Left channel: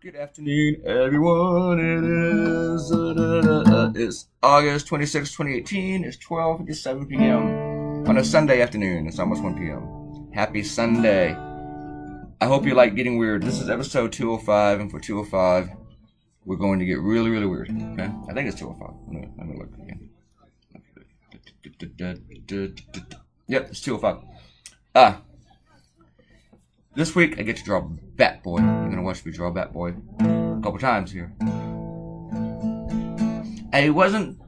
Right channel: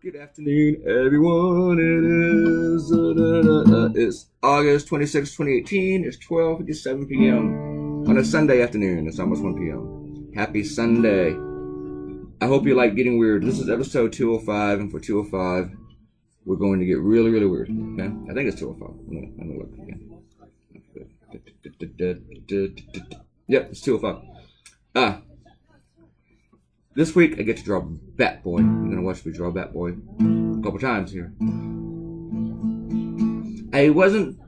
Good afternoon, everyone. It's August 26, 2018. It's 12:57 p.m. on a Sunday afternoon. It's almost 1 p.m. Happy Sunday. I hope you like getting weird. This is episode 205, and for 205, we're going to get really, really weird. Okay? I think it's 205. Let me look again. Yep, it's 205. This week I get to draw Batboy. You're gonna watch me draw Batboy a couple times here. I wasn't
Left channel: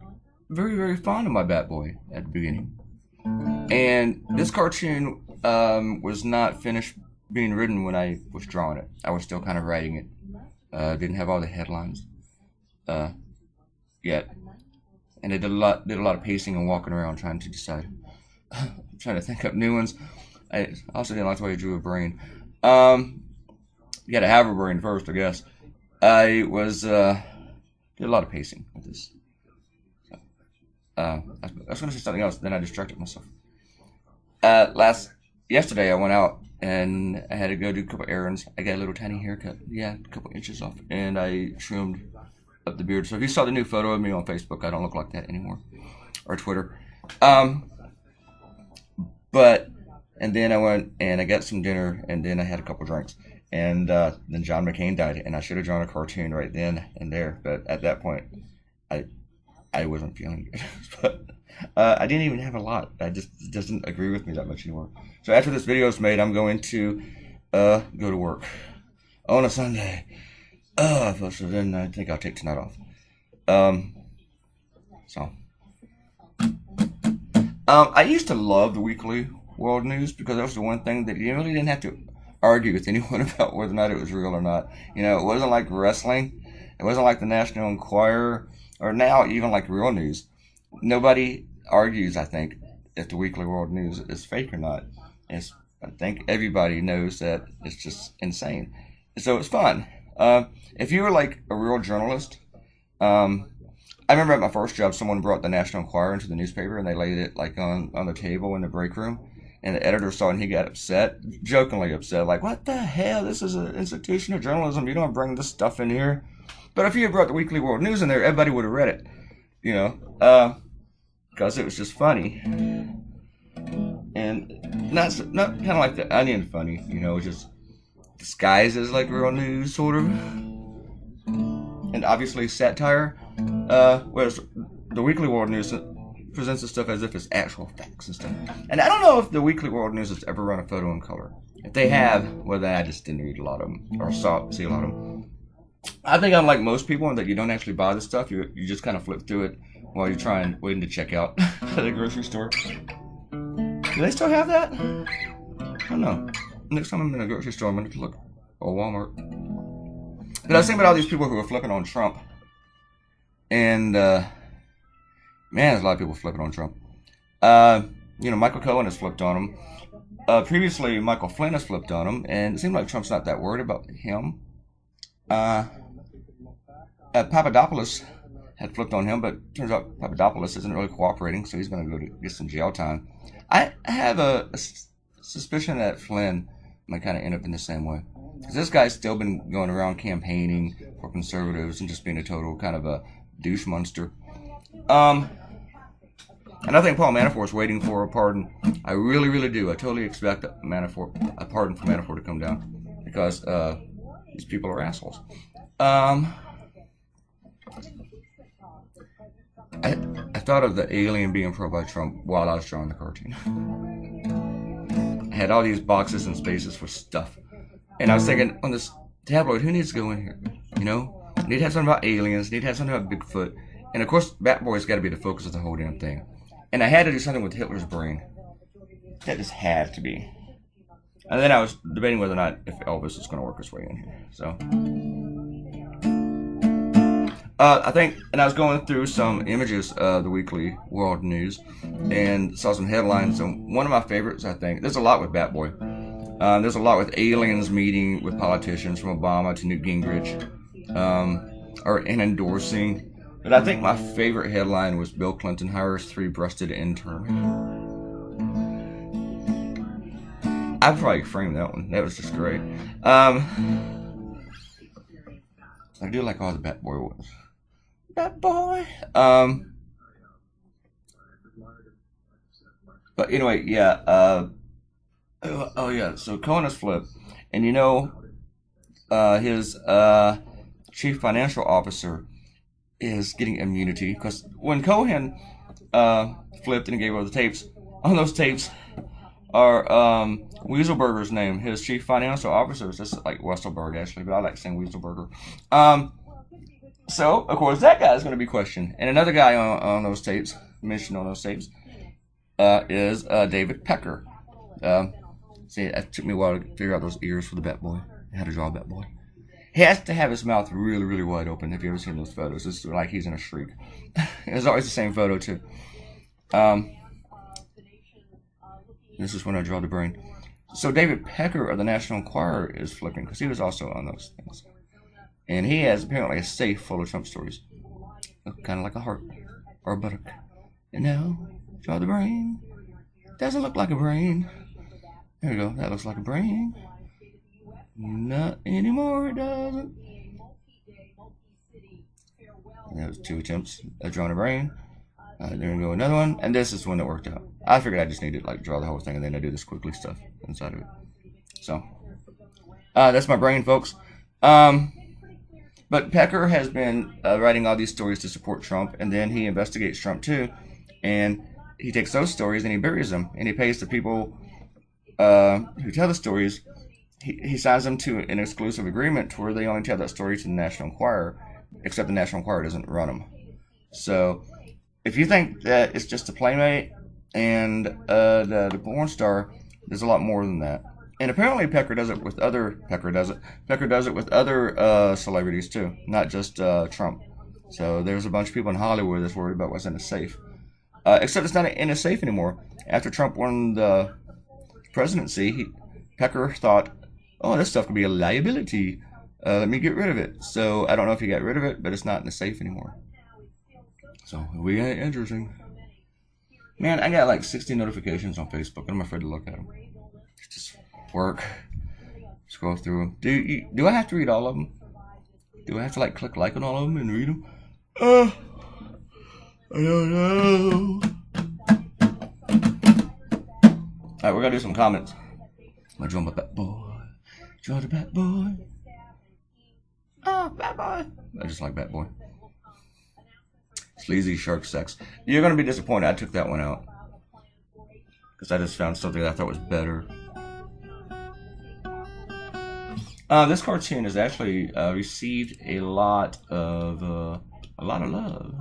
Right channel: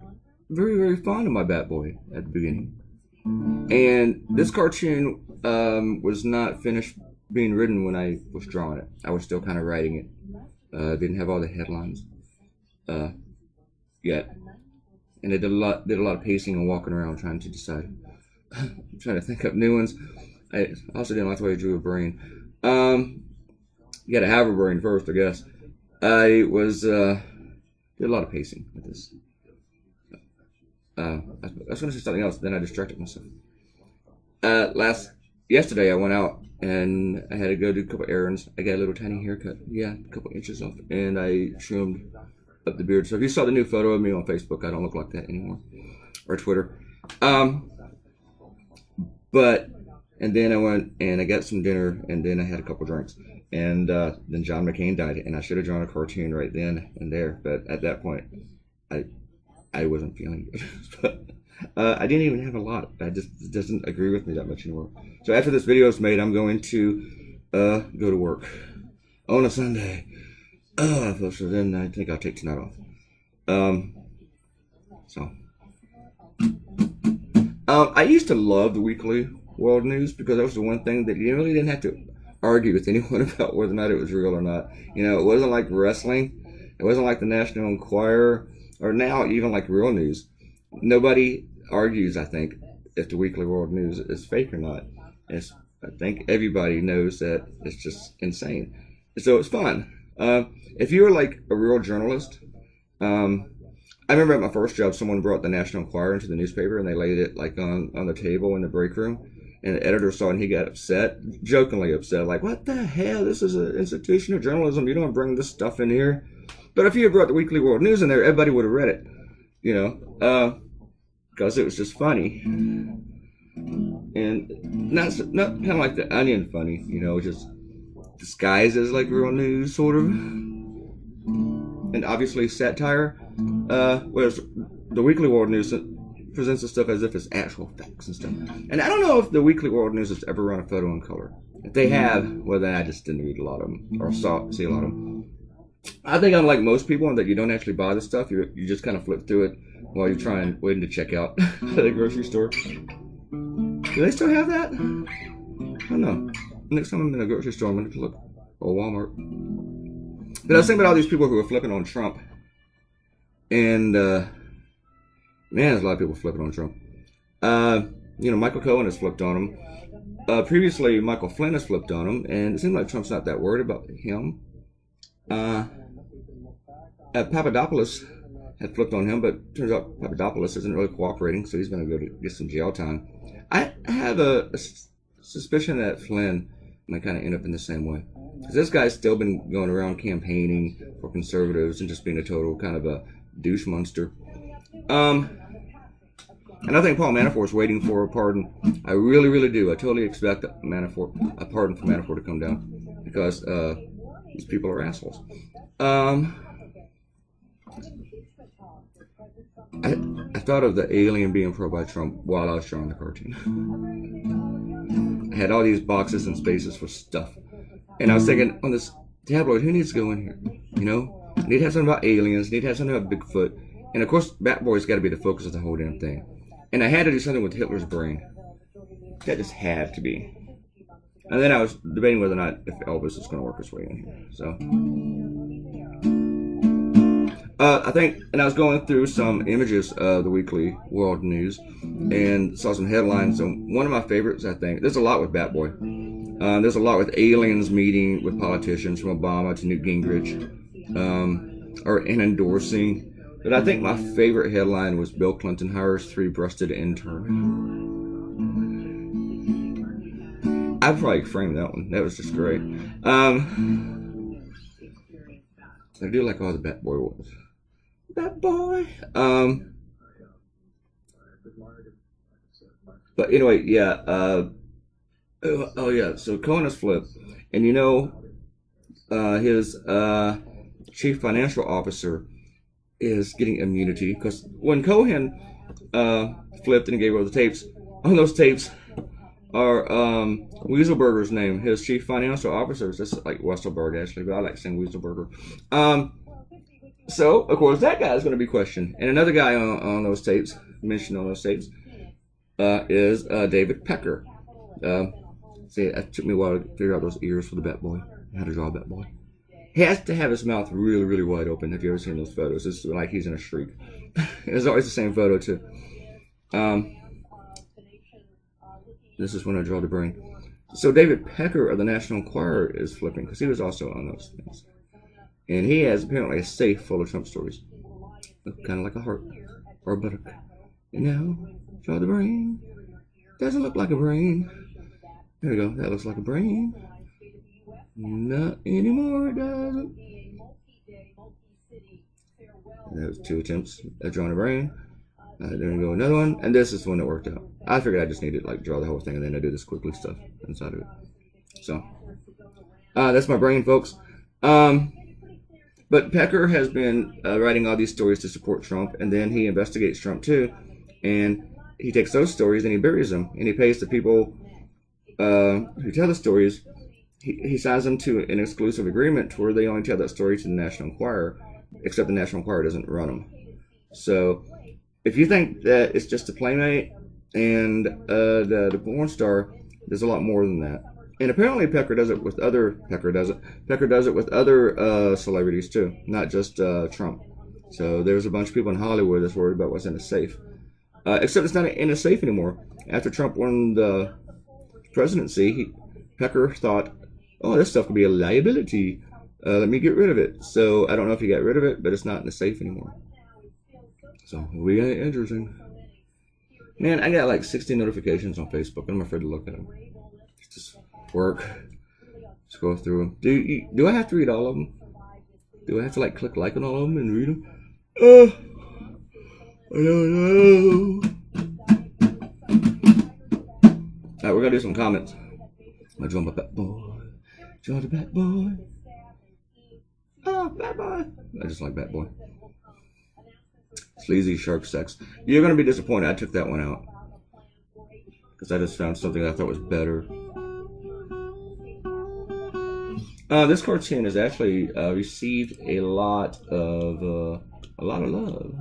very, very fond of my Batboy at the beginning, and this cartoon was not finished being written when I was drawing it. I was still kind of writing it. Didn't have all the headlines yet, and I did a lot of pacing and walking around trying to decide, trying to think up new ones. I also didn't like the way I drew a brain. You gotta have a brain first, I guess. I was did a lot of pacing with this. I was gonna say something else, then I distracted myself. Yesterday I went out and I had to go do a couple errands. I got a little tiny haircut, a couple inches off, and I trimmed up the beard. So if you saw the new photo of me on Facebook, I don't look like that anymore, or Twitter. And then I went and I got some dinner, and then I had a couple drinks. And then John McCain died, and I should have drawn a cartoon right then and there. But at that point, I wasn't feeling good. But I didn't even have a lot. It doesn't agree with me that much anymore. So after this video is made, I'm going to go to work on a Sunday. So then I think I'll take tonight off. I used to love the weekly world news because that was the one thing that you really didn't have to argue with anyone about whether or not it was real or not. You know, it wasn't like wrestling. It wasn't like the National Enquirer, or now even like real news. Nobody argues, I think, if the weekly world news is fake or not. I think everybody knows that it's just insane. So it's fun. If you were like a real journalist, I remember at my first job, someone brought the National Enquirer into the newspaper, and they laid it like on the table in the break room. And the editor saw it, and he got upset, jokingly upset, like, what the hell? This is an institution of journalism. You don't bring this stuff in here. But if you had brought the Weekly World News in there, everybody would have read it, you know, because it was just funny. And not kind of like the Onion funny, you know, just disguised as like real news, sort of. And obviously satire, whereas the Weekly World News presents the stuff as if it's actual facts and stuff. And I don't know if the Weekly World News has ever run a photo in color. If they have, well, then I just didn't read a lot of them, or see a lot of them. I think I'm like most people in that you don't actually buy the stuff. You just kind of flip through it while you're waiting to check out at the grocery store. Do they still have that? I don't know. Next time I'm in a grocery store, I'm going to look. Or Walmart. But I was thinking about all these people who are flipping on Trump. And, man, there's a lot of people flipping on Trump. Michael Cohen has flipped on him. Previously, Michael Flynn has flipped on him, and it seems like Trump's not that worried about him. Papadopoulos had flipped on him, but turns out Papadopoulos isn't really cooperating, so he's going to go to get some jail time. I have a suspicion that Flynn might kind of end up in the same way. Because this guy's still been going around campaigning for conservatives and just being a total kind of a douche monster. And I think Paul Manafort's waiting for a pardon. I really, really do. I totally expect a pardon for Manafort to come down because these people are assholes. I thought of the alien being pro by Trump while I was drawing the cartoon. I had all these boxes and spaces for stuff, and I was thinking on this tabloid, who needs to go in here? You know, need to have something about aliens. Need to have something about Bigfoot. And of course, Batboy's got to be the focus of the whole damn thing. And I had to do something with Hitler's brain. That just had to be. And then I was debating whether or not if Elvis is going to work his way in here. So, I was going through some images of the Weekly World News and saw some headlines. And one of my favorites, I think, there's a lot with Batboy. There's a lot with aliens meeting with politicians from Obama to Newt Gingrich, and endorsing. But I think my favorite headline was Bill Clinton hires 3-breasted intern. I'd probably frame that one. That was just great. I do like all the Bat Boy ones. Bat Boy. But anyway, yeah. Oh yeah. So Cohen has flipped, and you know, his chief financial officer is getting immunity because when Cohen flipped and gave over the tapes, on those tapes are Weaselberger's name, his chief financial officer. This is like Wesselberg actually, but I like saying Weaselberger. So of course that guy is going to be questioned, and another guy on those tapes, mentioned on those tapes, is David Pecker. See, it took me a while to figure out those ears for the Bat Boy. How to draw a Bat Boy. He has to have his mouth really, really wide open. Have you ever seen those photos? It's like he's in a shriek. It's always the same photo too. This is when I draw the brain. So David Pecker of the National Enquirer is flipping because he was also on those things. And he has apparently a safe full of Trump stories. Kind of like a heart or a buttock. And now, draw the brain. Doesn't look like a brain. There we go. That looks like a brain. Not anymore, it doesn't. That was 2 attempts at drawing a brain. There we go, another one. And this is one that worked out. I figured I just needed to like draw the whole thing and then I do this quickly stuff inside of it. So, that's my brain, folks. But Pecker has been writing all these stories to support Trump, and then he investigates Trump too. And he takes those stories and he buries them. And he pays the people who tell the stories. He signs them to an exclusive agreement to where they only tell that story to the National Enquirer, except the National Enquirer doesn't run them. So if you think that it's just a playmate and the porn star, there's a lot more than that. And apparently Pecker does it with other celebrities too, not just Trump. So there's a bunch of people in Hollywood that's worried about what's in a safe. Except it's not in a safe anymore. After Trump won the presidency, Pecker thought, oh, this stuff could be a liability. Let me get rid of it. So I don't know if he got rid of it, but it's not in the safe anymore. So we got interesting. Man, I got like 60 notifications on Facebook. I'm afraid to look at them. It's just work. Scroll through them. Do I have to read all of them? Do I have to like click like on all of them and read them? I don't know. Alright, we're gonna do some comments. I'm gonna draw my Bat Boy. Draw the Bat Boy. Oh, Bat Boy. I just like Bat Boy. Sleazy shark sex. You're gonna be disappointed. I took that one out because I just found something I thought was better. This cartoon has actually received a lot of love.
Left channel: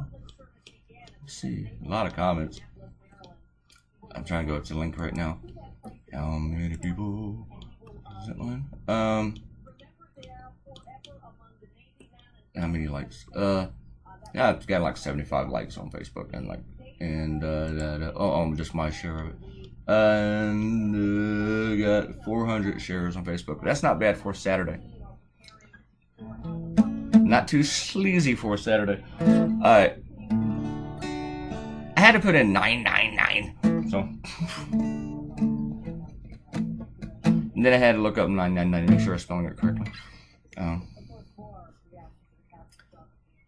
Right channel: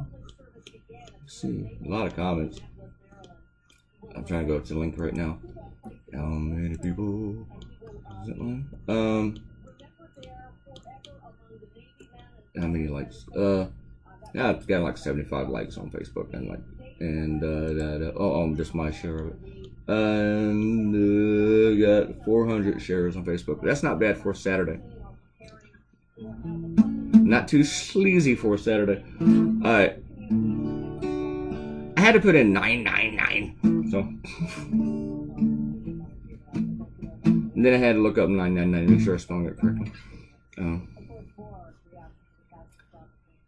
Let's see, a lot of comments. I'm trying to go to the link right now. How many people? Is that one? How many likes? Yeah, it's got like 75 likes on Facebook and just my share of it. And got 400 shares on Facebook. That's not bad for a Saturday. Not too sleazy for a Saturday. Alright. I had to put in 999. So. And then I had to look up 999 to make sure I'm spelling it correctly.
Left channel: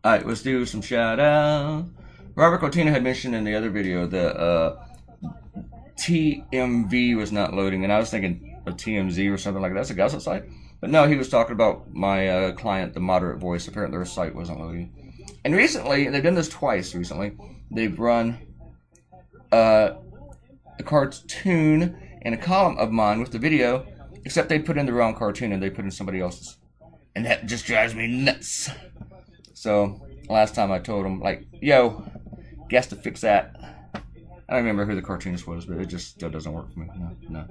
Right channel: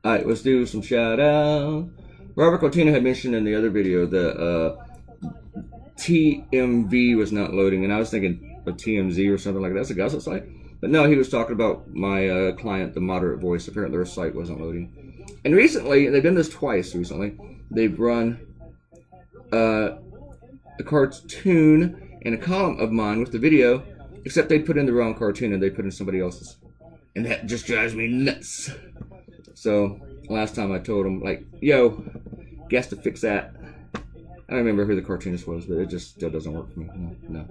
Alright, let's do some shout out. Robert Coutinho had mentioned in the other video that TMV was not loading, and I was thinking a TMZ or something like that. That's a gossip site. But no, he was talking about my client, the Moderate Voice. Apparently their site wasn't loading. And recently, they've done this twice recently. They've run a cartoon and a column of mine with the video, except they put in the wrong cartoon and they put in somebody else's. And that just drives me nuts. So, last time I told him, like, yo, guess to fix that. I don't remember who the cartoonist was, but it just still doesn't work for me. No.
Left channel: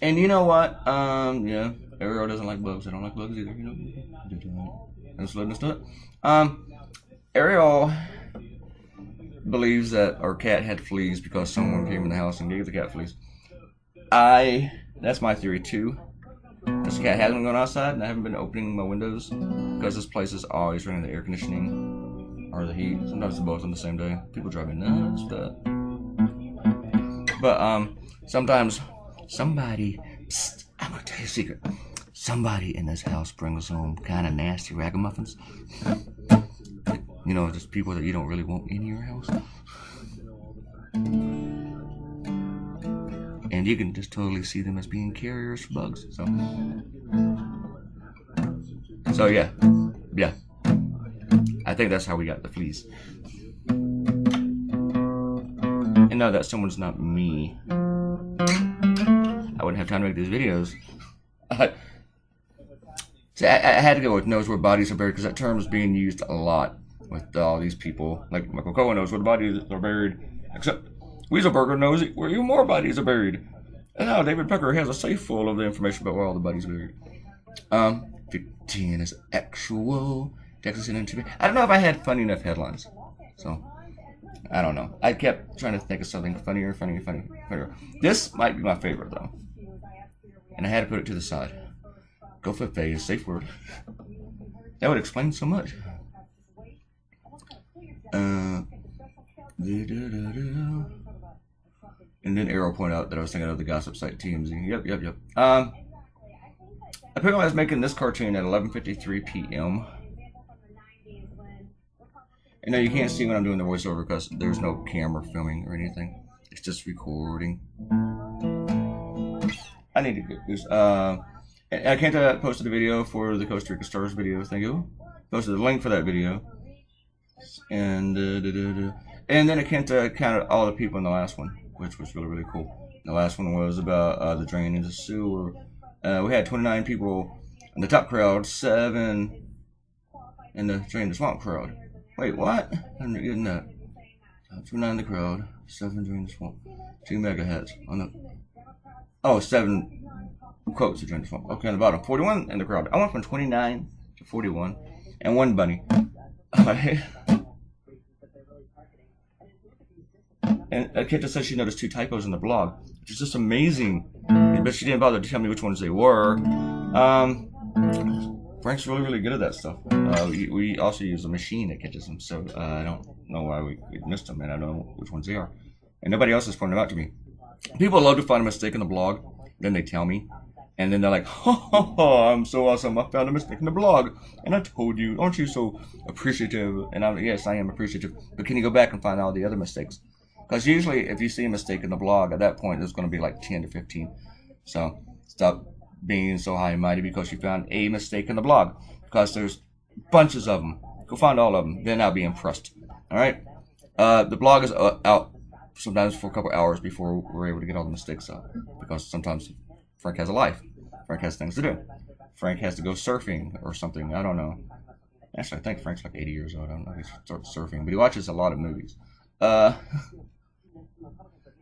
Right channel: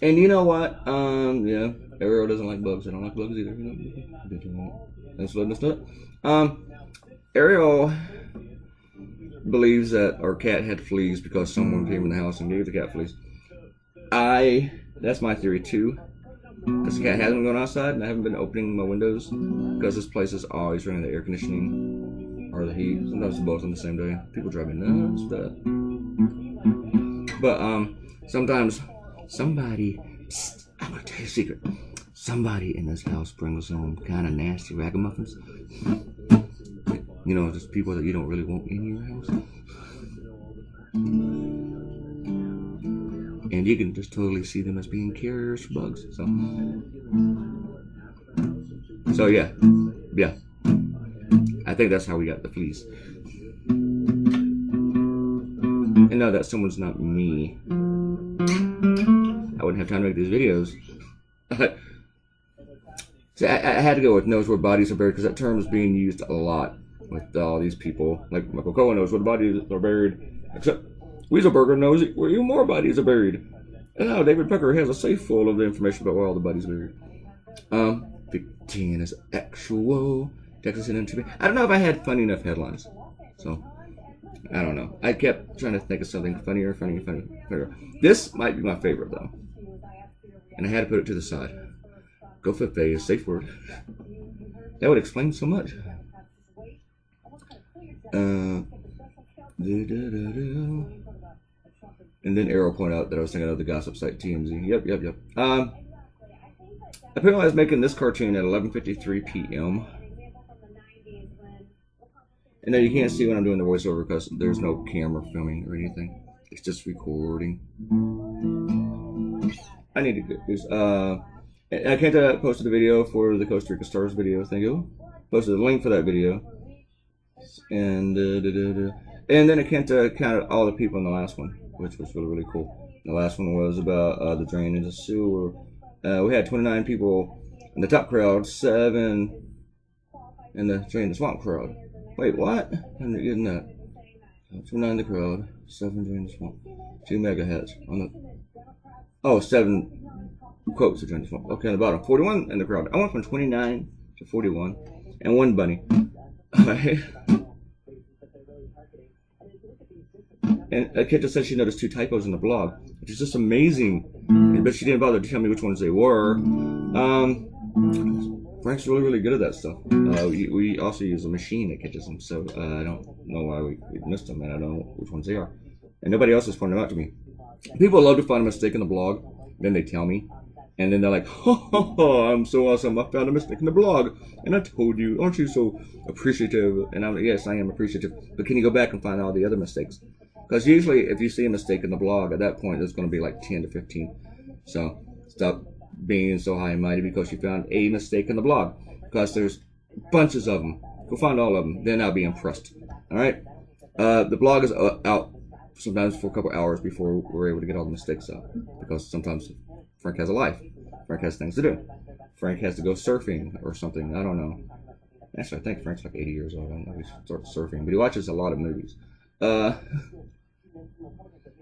And you know what? Yeah, Ariel doesn't like bugs. I don't like bugs either, you know. Let's load this up. Ariel believes that our cat had fleas because someone came in the house and gave the cat fleas. That's my theory too. Because the cat hasn't gone outside and I haven't been opening my windows because this place is always running the air conditioning or the heat. Sometimes both on the same day. People drive me nuts with that. But sometimes somebody, I'm gonna tell you a secret. somebody in this house brings home kind of nasty ragamuffins. You know, just people that you don't really want in your house. And you can just totally see them as being carriers for bugs. So yeah. I think that's how we got the fleas. And now that someone's not me, I wouldn't have time to make these videos. See, I had to go with knows where bodies are buried because that term is being used a lot with all these people. Like Michael Cohen knows where the bodies are buried, except Weaselberger knows where even more bodies are buried. And now David Pecker has a safe full of the information about where all the bodies are buried. 15 is actual. Texas into me. I don't know if I had funny enough headlines, so I don't know. I kept trying to think of something funnier. This might be my favorite though, and I had to put it to the side. Go flip a safe word. That would explain so much. And then Arrow pointed out that I was thinking of the gossip site TMZ. Yep. Apparently I was making this cartoon at 11:53 p.m. And now you can't see when I'm doing the voiceover because there's no camera filming or anything. It's just recording. I need to get this. I can't posted a video for the Costa Rica Stars video. Thank you. Posted the link for that video. And then I can't count all the people in the last one, which was really cool. The last one was about the drain into sewer. We had 29 people in the top crowd, 7 in the drain the swamp crowd. Wait, what? I'm not getting that. 29 in the crowd, 7 drain the swamp, 2 mega hats on the. Oh, 7 quotes to drain the swamp. Okay, on the bottom, 41 in the crowd. I went from 29 to 41, and 1 bunny. And a kid just said she noticed 2 typos in the blog, which is just amazing. But she didn't bother to tell me which ones they were. Frank's really good at that stuff. We also use a machine that catches them, so I don't know why we missed them, and I don't know which ones they are. And nobody else has pointed them out to me. People love to find a mistake in the blog, then they tell me, and then they're like, I'm so awesome, I found a mistake in the blog, and I told you, aren't you so appreciative? And yes, I am appreciative, but can you go back and find all the other mistakes? Because usually if you see a mistake in the blog, at that point there's going to be like 10 to 15. So stop being so high and mighty because you found a mistake in the blog, because there's bunches of them. Go find all of them, then I'll be impressed. All right. The blog is out sometimes for a couple hours before we're able to get all the mistakes up, because sometimes Frank has a life. Frank has things to do. Frank has to go surfing or something. I don't know. Actually, I think Frank's like 80 years old. I don't know if he starts surfing, but he watches a lot of movies. And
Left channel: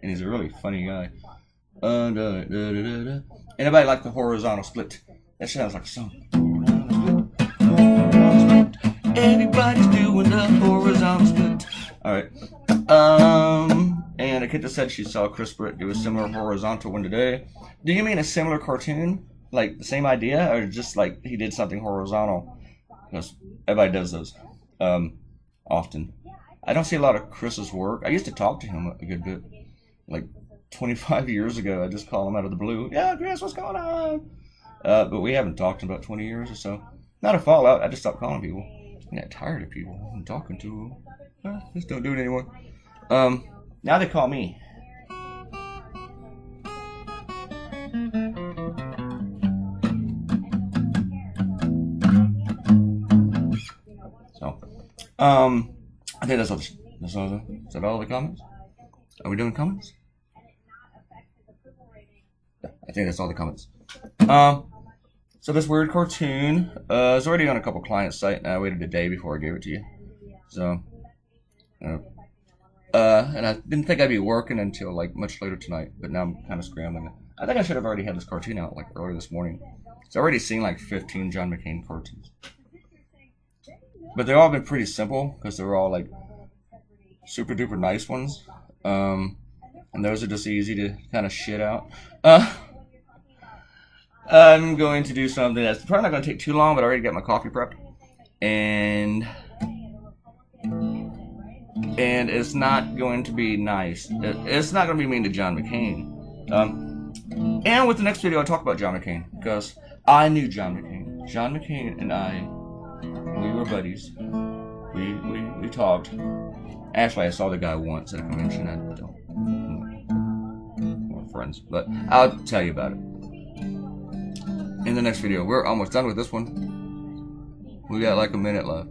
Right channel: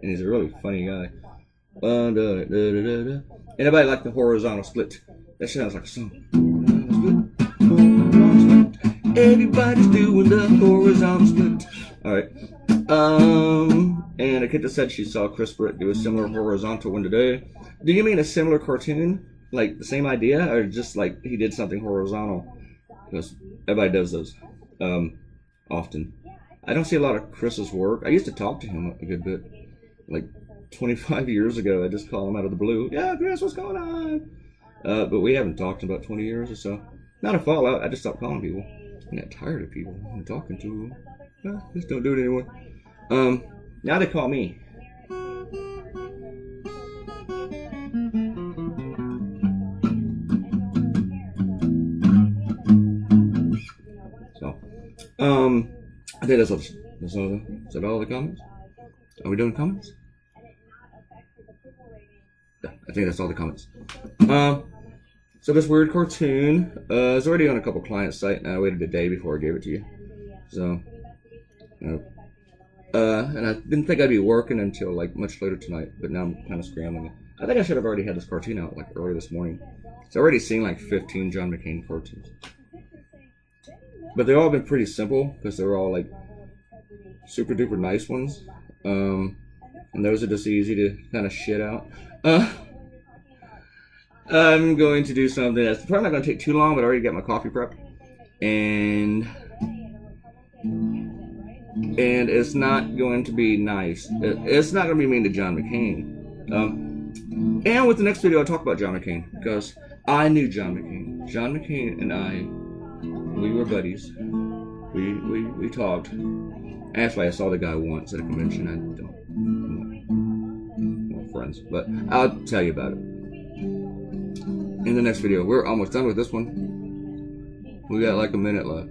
he's a really funny guy. Anybody like the horizontal split? That sounds like a song. Everybody's doing the horizontal split. Alright. And a kid just said she saw Chris Britt do a similar horizontal one today. Do you mean a similar cartoon? Like the same idea? Or just like he did something horizontal? Because everybody does those. Often. I don't see a lot of Chris's work. I used to talk to him a good bit. Like 25 years ago, I just call him out of the blue. Yeah, Chris, what's going on? But we haven't talked in about 20 years or so. Not a fallout. I just stopped calling people. I'm not tired of people. I'm talking to them. Just don't do it anymore. Now they call me. So, I think that's all. Is that all the comments? Are we doing comments? Yeah, I think that's all the comments. So this weird cartoon is already on a couple client sites, and I waited a day before I gave it to you. So, and I didn't think I'd be working until like much later tonight, but now I'm kind of scrambling. I think I should have already had this cartoon out like earlier this morning. I've already seen like 15 John McCain cartoons. But they've all been pretty simple because they're all like super duper nice ones. And those are just easy to kind of shit out. I'm going to do something that's probably not going to take too long, but I already got my coffee prepped. And it's not going to be nice. It's not going to be mean to John McCain. And with the next video, I'll talk about John McCain, because I knew John McCain. John McCain and I, we were buddies. We talked. Actually, I saw the guy once at a convention. I don't. We're friends, but I'll tell you about it in the next video. We're almost done with this one. We got like a minute left.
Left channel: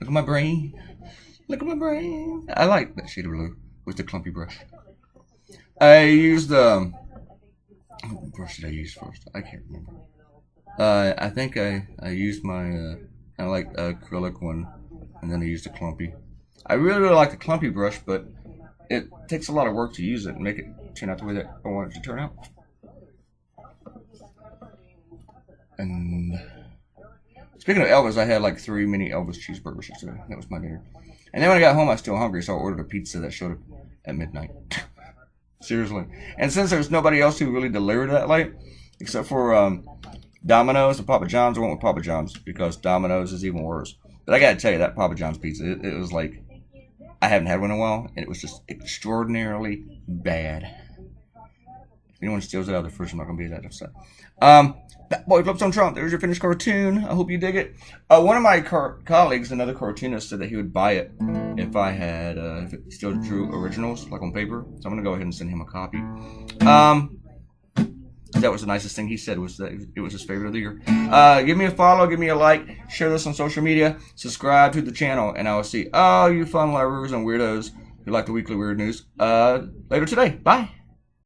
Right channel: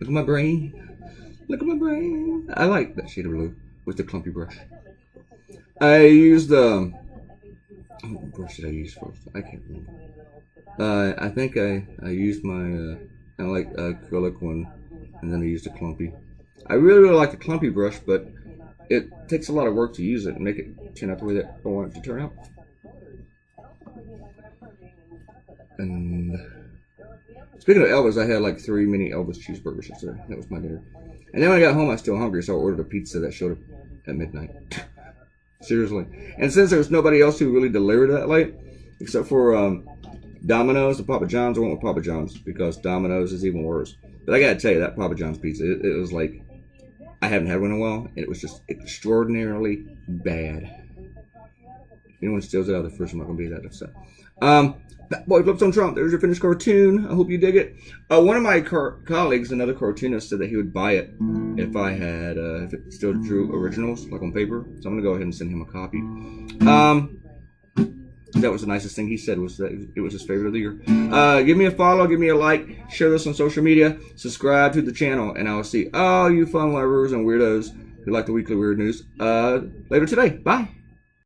Look at my brain. Look at my brain. I like that shade of blue with the clumpy brush. I used what brush did I use first? I can't remember. I think I used my I like acrylic one, and then I used a clumpy. I really like the clumpy brush, but it takes a lot of work to use it and make it turn out the way that I want it to turn out. And speaking of Elvis, I had like 3 mini Elvis cheeseburgers yesterday. That was my dinner. And then when I got home, I was still hungry, so I ordered a pizza that showed up at midnight. Seriously. And since there's nobody else who really delivered that late, except for Domino's and Papa John's, I went with Papa John's because Domino's is even worse. But I gotta tell you, that Papa John's pizza, it was like, I haven't had one in a while, and it was just extraordinarily bad. If anyone steals it out of the fridge, I'm not gonna be that upset. That boy flips on Trump. There's your finished cartoon. I hope you dig it. One of my colleagues, another cartoonist, said that he would buy it if I had, if it still drew originals, like on paper. So I'm gonna go ahead and send him a copy. That was the nicest thing he said, was that it was his favorite of the year. Give me a follow, give me a like, share this on social media, subscribe to the channel, and I will see all you fun lovers and weirdos who like the weekly weird news later today. Bye.